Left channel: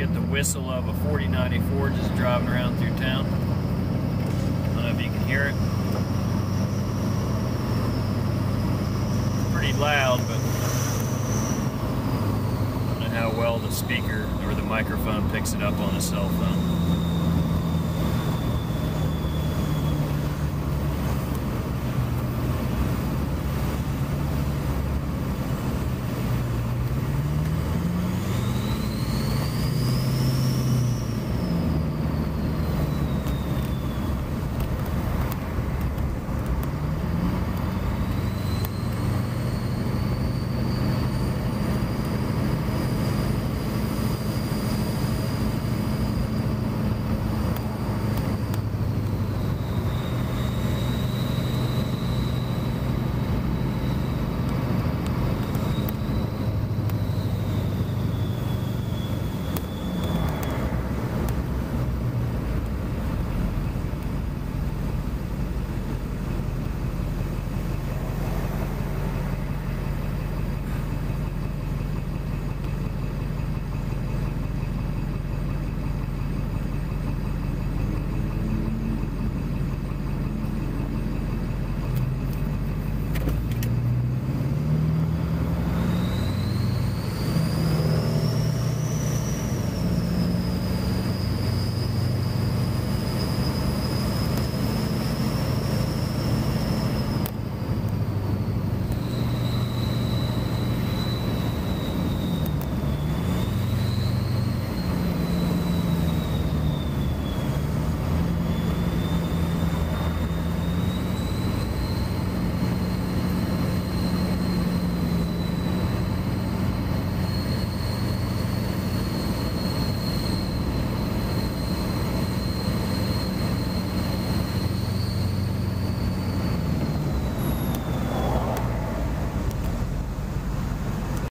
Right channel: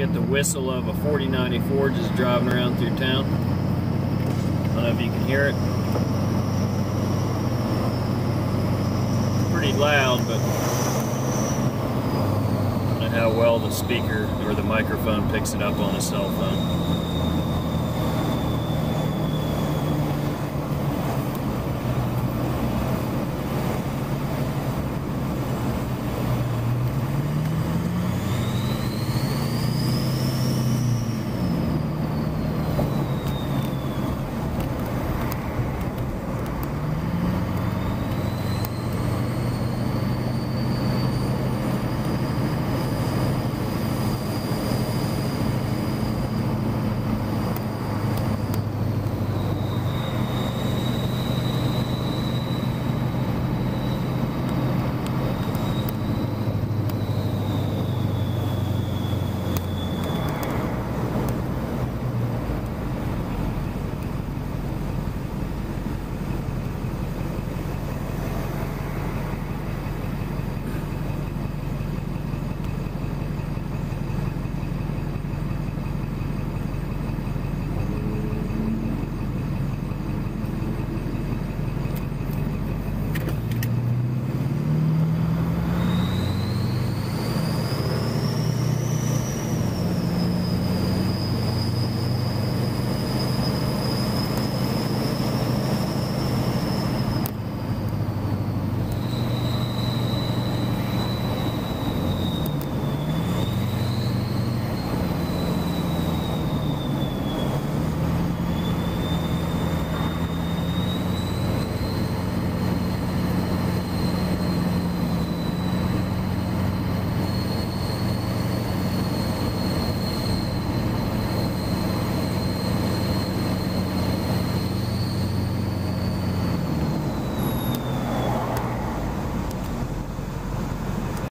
get the whistle of a 4094 just driving around through town. I don't know if you can hear it. Pretty loud, but I don't know how well the speaker or the microphone picks it up on a cell phone.